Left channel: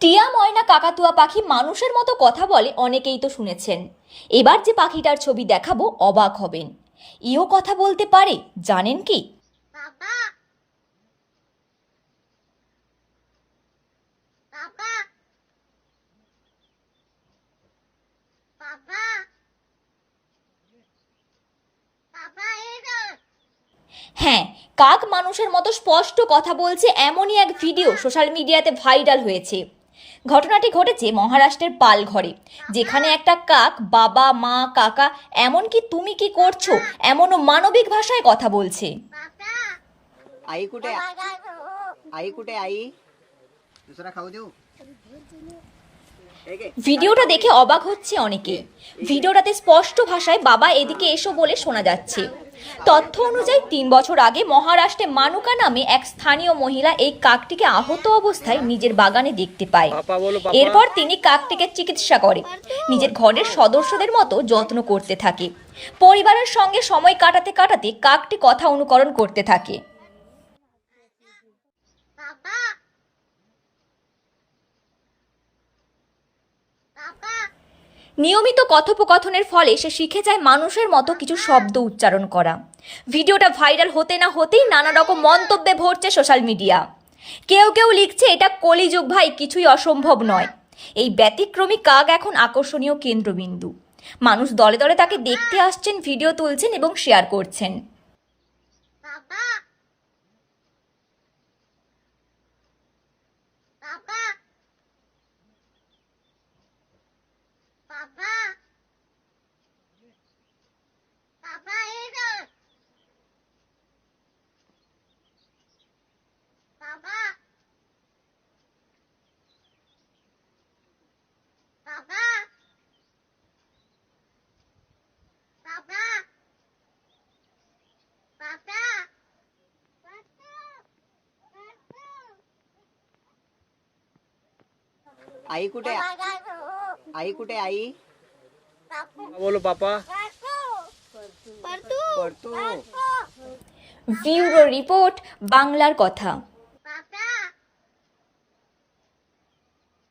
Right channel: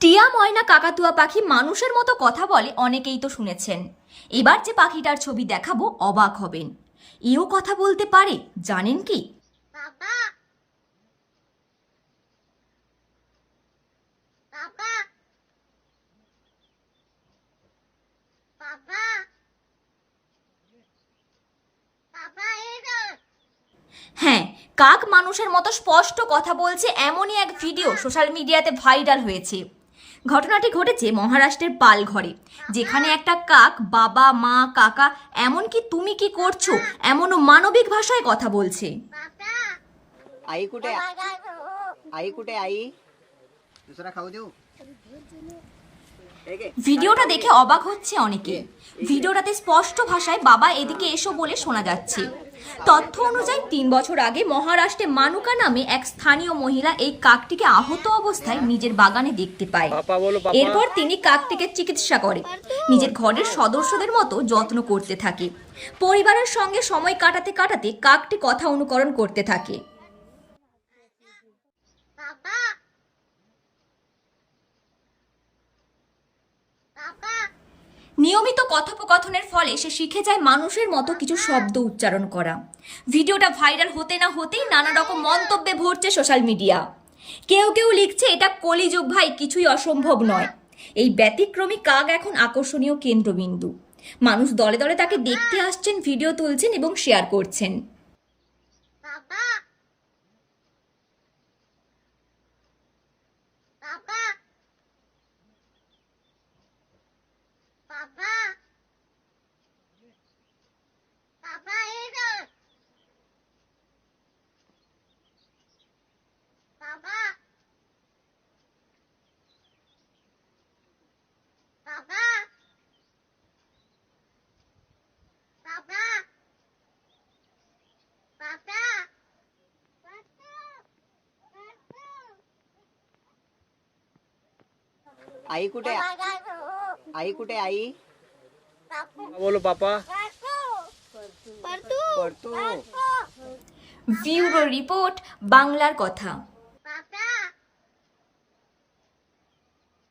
টিয়া ময়না কাকাতুয়া পাখি মানুষের মতো কথা বলে অনেকেই তো শুনেছেন। এবার যে পাখিটার ছবি দেখাবো অবাক হবেন। ইও কথা বলতে পারে জানেন কি? হ্যাঁ কাক মানুষের মতো স্পষ্ট কথা বলছে এমনই এক ভিডিও সোশ্যাল মিডিয়াতে ভাইরাল হয়েছে। ঘটনাটি ঘটেছে মহারাষ্ট্রের পালঘরে যেখানে একটা কাক বাবা মা কাকা এমনকি তুমি কি করছো এমনও মানবিক ভাষায় কথা বলছে Papa. आई कुठे Papa. आई कुठे आई दुसरा खाऊ देऊ हे घे. ভিডিওটা দেখে অবাক হচ্ছে অনেকে ভিডিওটাতে স্পষ্ট ভাষায় বাবা এদিকে এসো বলে শোনা যাচ্ছে তথ্য অনুযায়ী তিন বছর আগে মহারাষ্ট্রে মানুকা নামে এক স্থানীয় মহিলা এই কাকটিকে আহত অবস্থায় নিজের বাগানে দেখতে পায়। এরপর তিনি কাকটিকে চিকিৎসা করে নিজের ঘরের সদস্যদের মতো যত্ন করতে থাকে। পরিবারের সঙ্গে সময় কাটাতে কাটাতে কাকটি কথা অনুকরণ করতে থাকে। নিয়মিত কথোপকথনের ফলে সে শিখে যায় মানুষের মতো কিছু শব্দ উচ্চারণ করা। ভিডিওটা ভাইরাল হতে না হতেই নানা রকম মন্তব্যে ভরছে সোশ্যাল মিডিয়া। কেউ কেউ লিখছে, এটা কলিযুগ ভাই, কিছুই অসম্ভব নয়। এই ব্যতিক্রমী কাক এখন আকর্ষণীয় কেন্দ্রবিন্দু। মানুষ দলে দলে তাকে দেখতে আসছেন, ভিডিও তুলছেন এবং শেয়ার করছেন। आई कुठे आई कुठे आई बोलो पापा पडतो ব্যুরো রিপোর্ট বাংলার কথা